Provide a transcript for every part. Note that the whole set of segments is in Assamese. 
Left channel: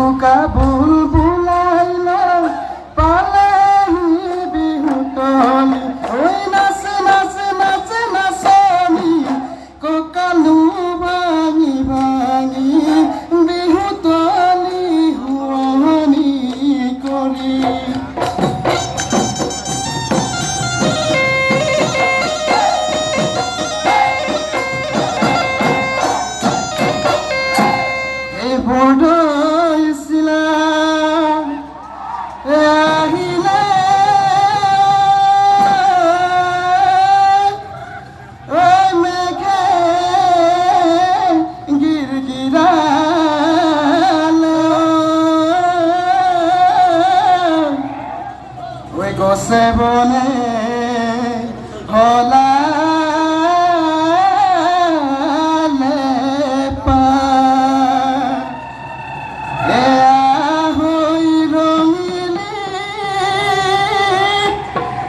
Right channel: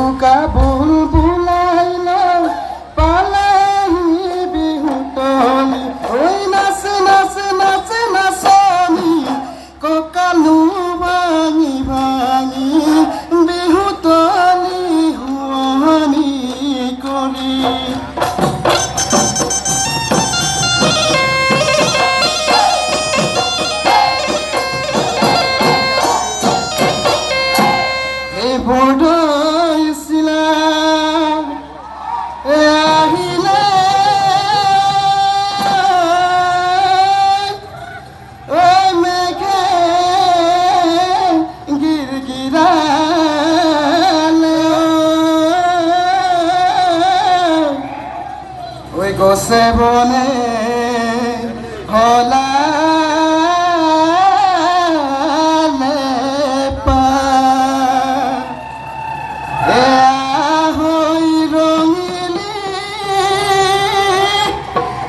উকা বুলবুলাইলে পালেহি বিহুতলি এই নাচে নাচে নাচে নাচনি ককালু ভাঙি ভাঙি বিহুতলি হুৱানি কৰি গছে বনে হলালে পা হৈ ৰঙিলি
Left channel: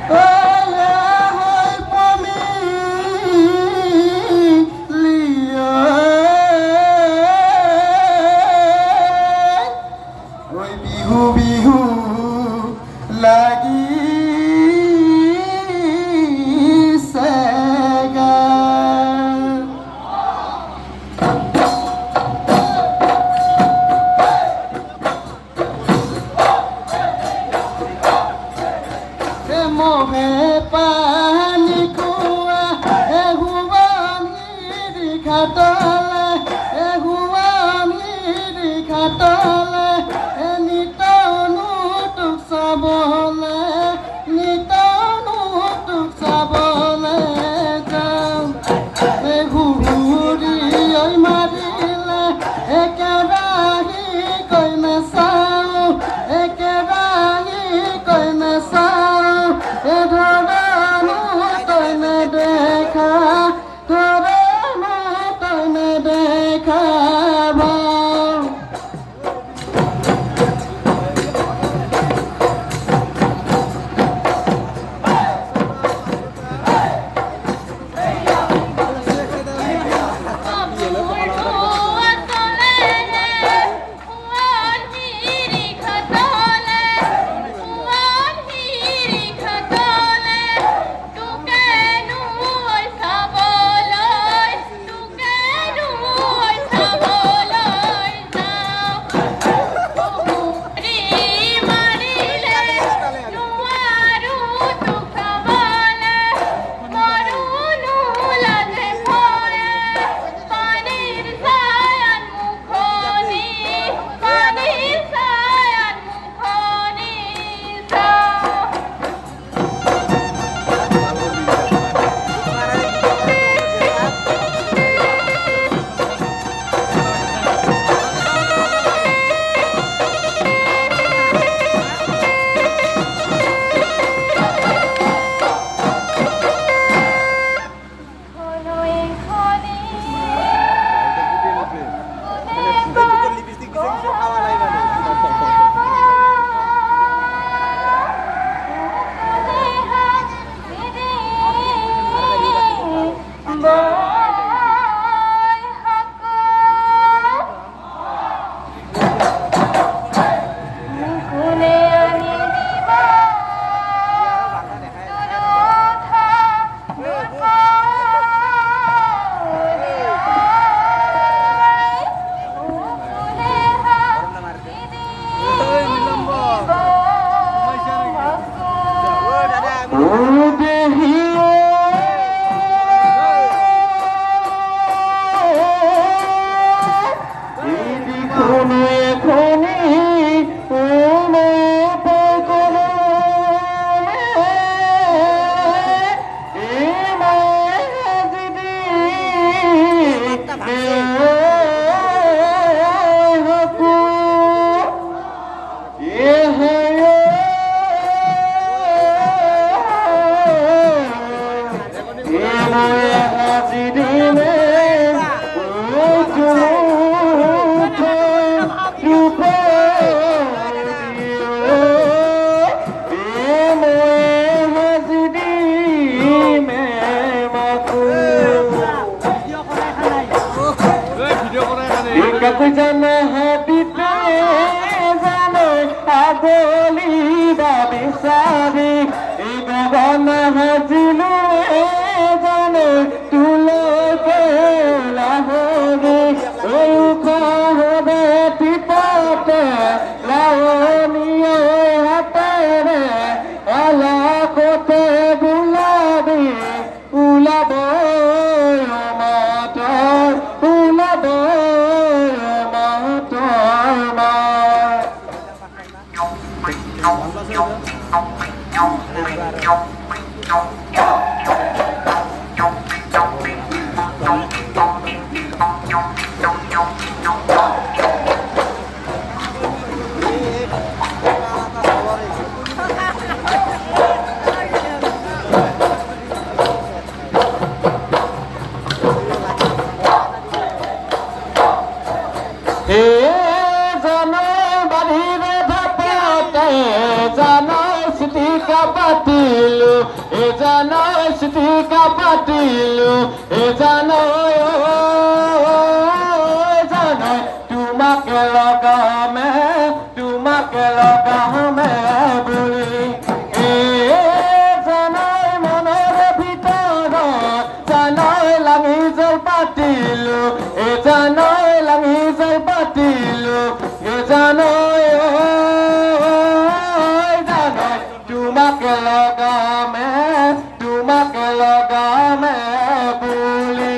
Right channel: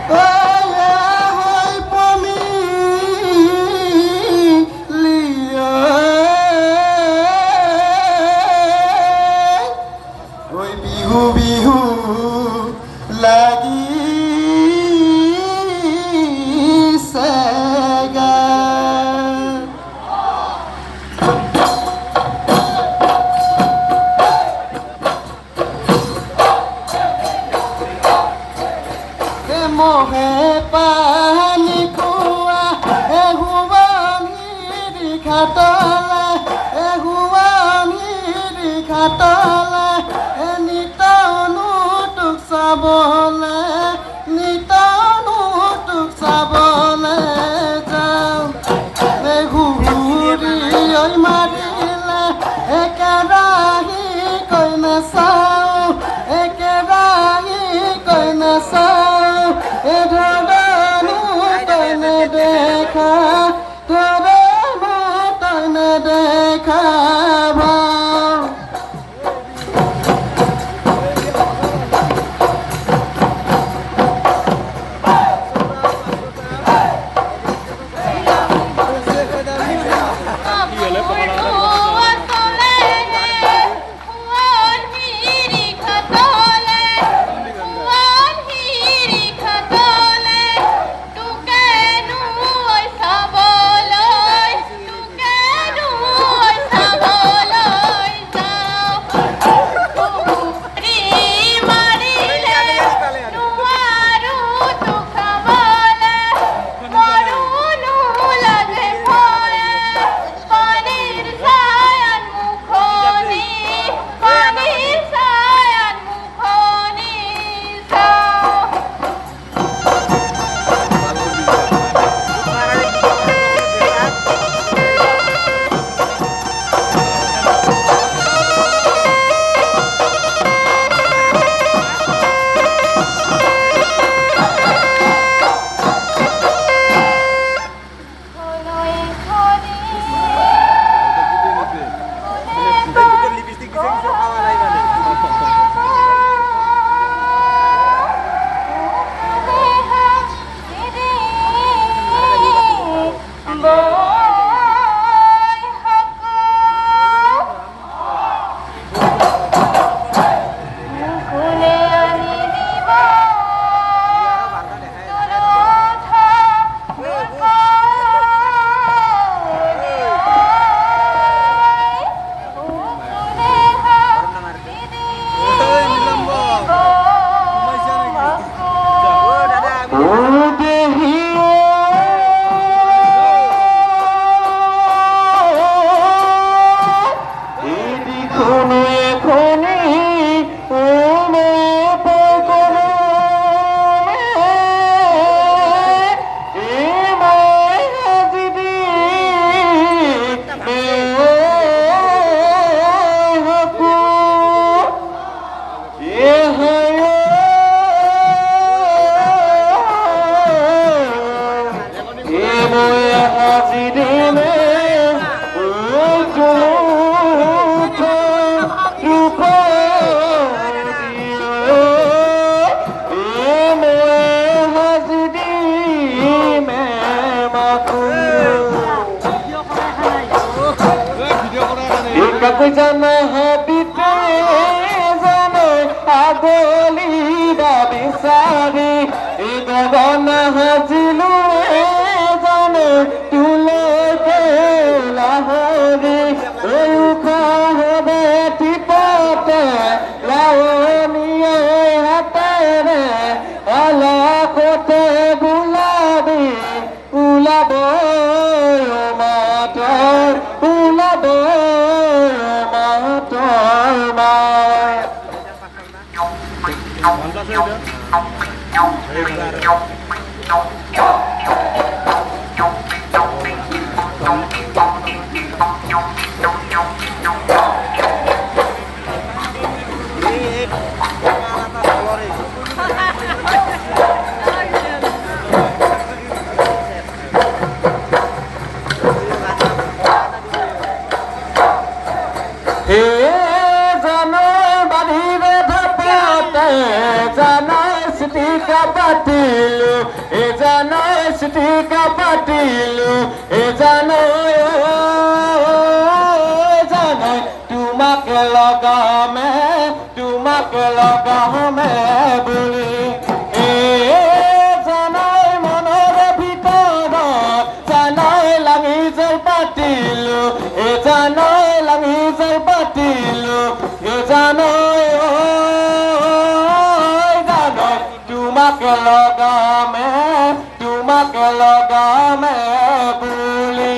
হৈ পমিলি ঐ বিহু বিহু লাগি মোহে পানী খোৱা এহুৱানি ঘাটলে এহুৱানি ঘাটলে নিতনো তোক চাবলে নিতনো তোক চাবলে যাম ঘূৰি মাৰিলে একেৰাহি কৈ নাচাওঁ একেৰাহি কৈ নাচাওঁ जाना है পাগলী বিচাৰি গগন হাজিলো জানে তুলকে লাহৰি উখহৰে টিপতে লাৱনীয়ে হাতেৰে আলাকতে গুলাবী ওলাব মাতৰ ওলাব মাতৰ মায় তোমাকে লগামে বুলি জানাই মনৰে ভিতৰত জানাই লাগি জল পাতিলো জানাই লাগি জল পাতিলো জানাই জানাই তোমাকে লগামে বুলি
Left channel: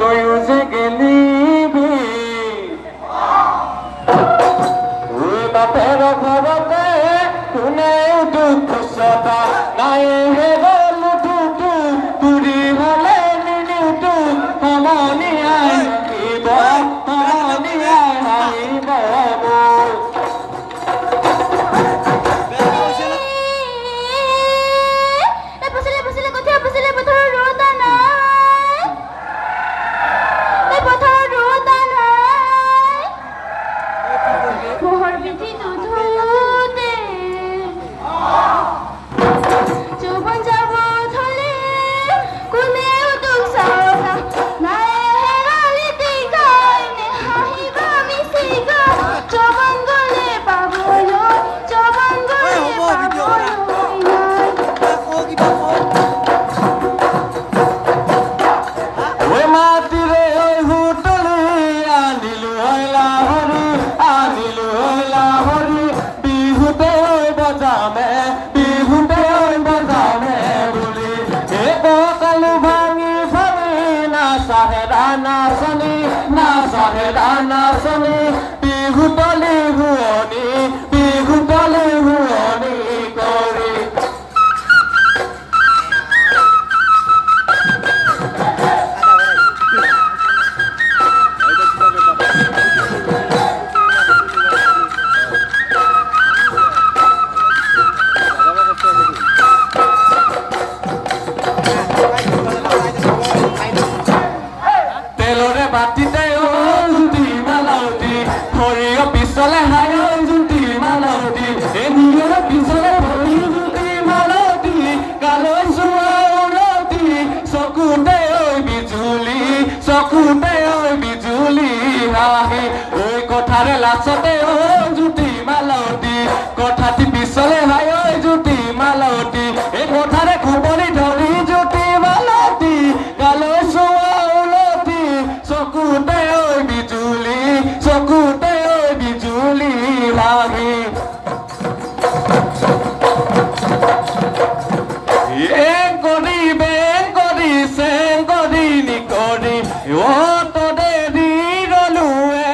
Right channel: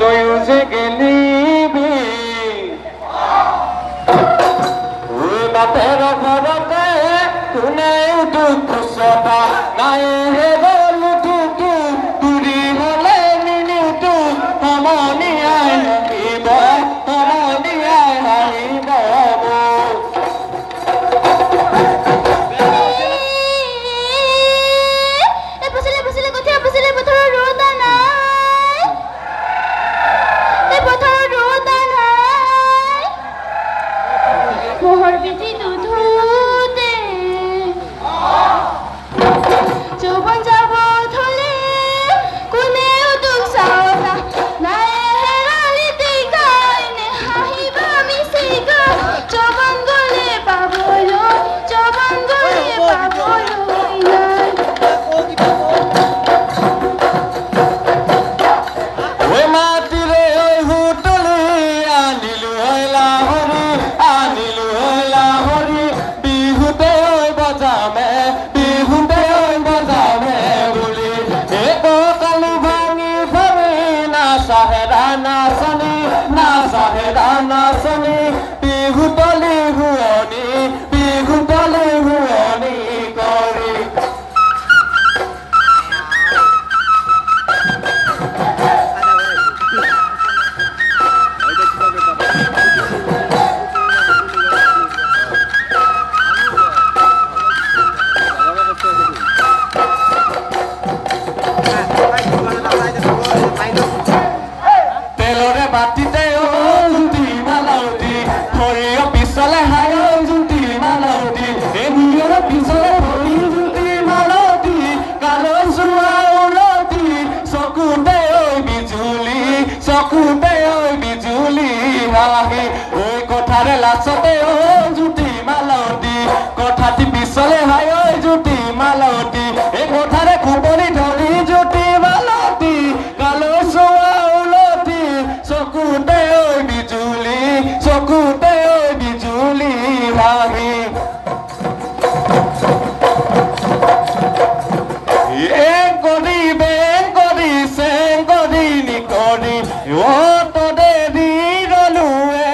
তইও যে গেলিবি বাপের ঘৰতে কোনেও দুখ চপা নাই হেৰল টুটু তুৰি হলে নিনিউটু সমনিয়াই আহিব সমনিয়াই আহিব তেলৰে বাটিতে জুতি মালতি সৰিয়হ পিছলে হায় জুতি মালতি এদিনৰ পিছলে ভৰি জুতি মালতি গালৈ যোৱা উলতি চকুতে ঐ বিজুলি হাঁহি ঐ কথাৰে লাচতে জুতি মালতি কথাটি পিছলে হায় জুতি মালতি এই কথাৰে খুবনি ধৰি জুতি মালতি গালৈ যোৱা উলতি চকুতে ঐ বিজুলি হাঁহি বেং কৰি চেং কৰি নিকৰি তদে দি ৰলো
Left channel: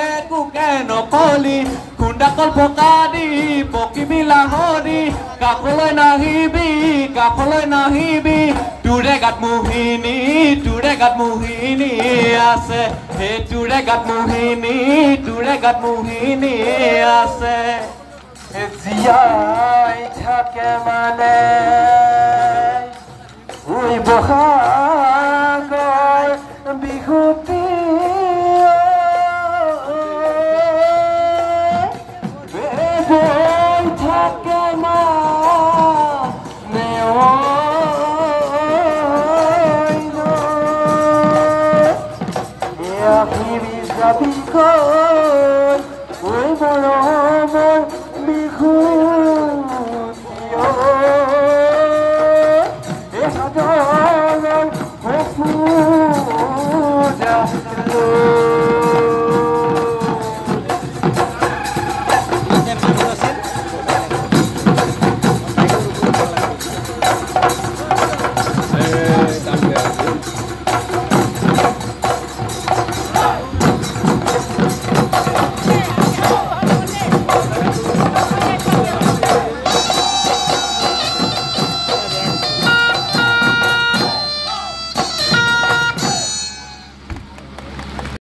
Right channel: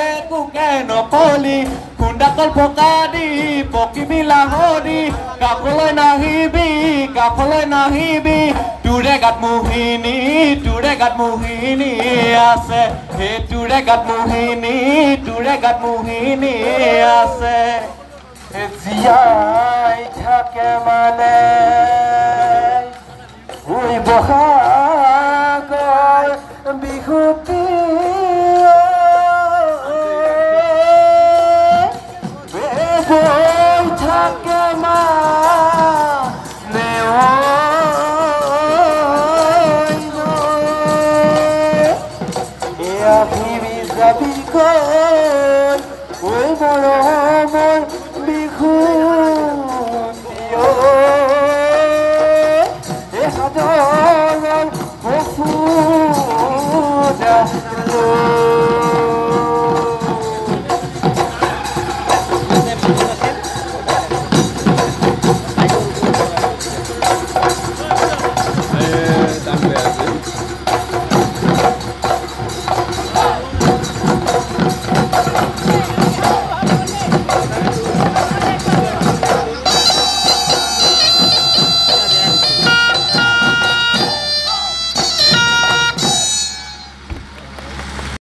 একোকে নকলি খুন্দাকল পকা দি পকিবি লাহৰি কাষলৈ নাহিবি তোৰে গাত মোহিনী আছে সেই তোৰে গাত মোহিনী আছে জীয়াই থাকে মানে বহাগৰ বিহুতি থাকে মানে আহিবি যাবি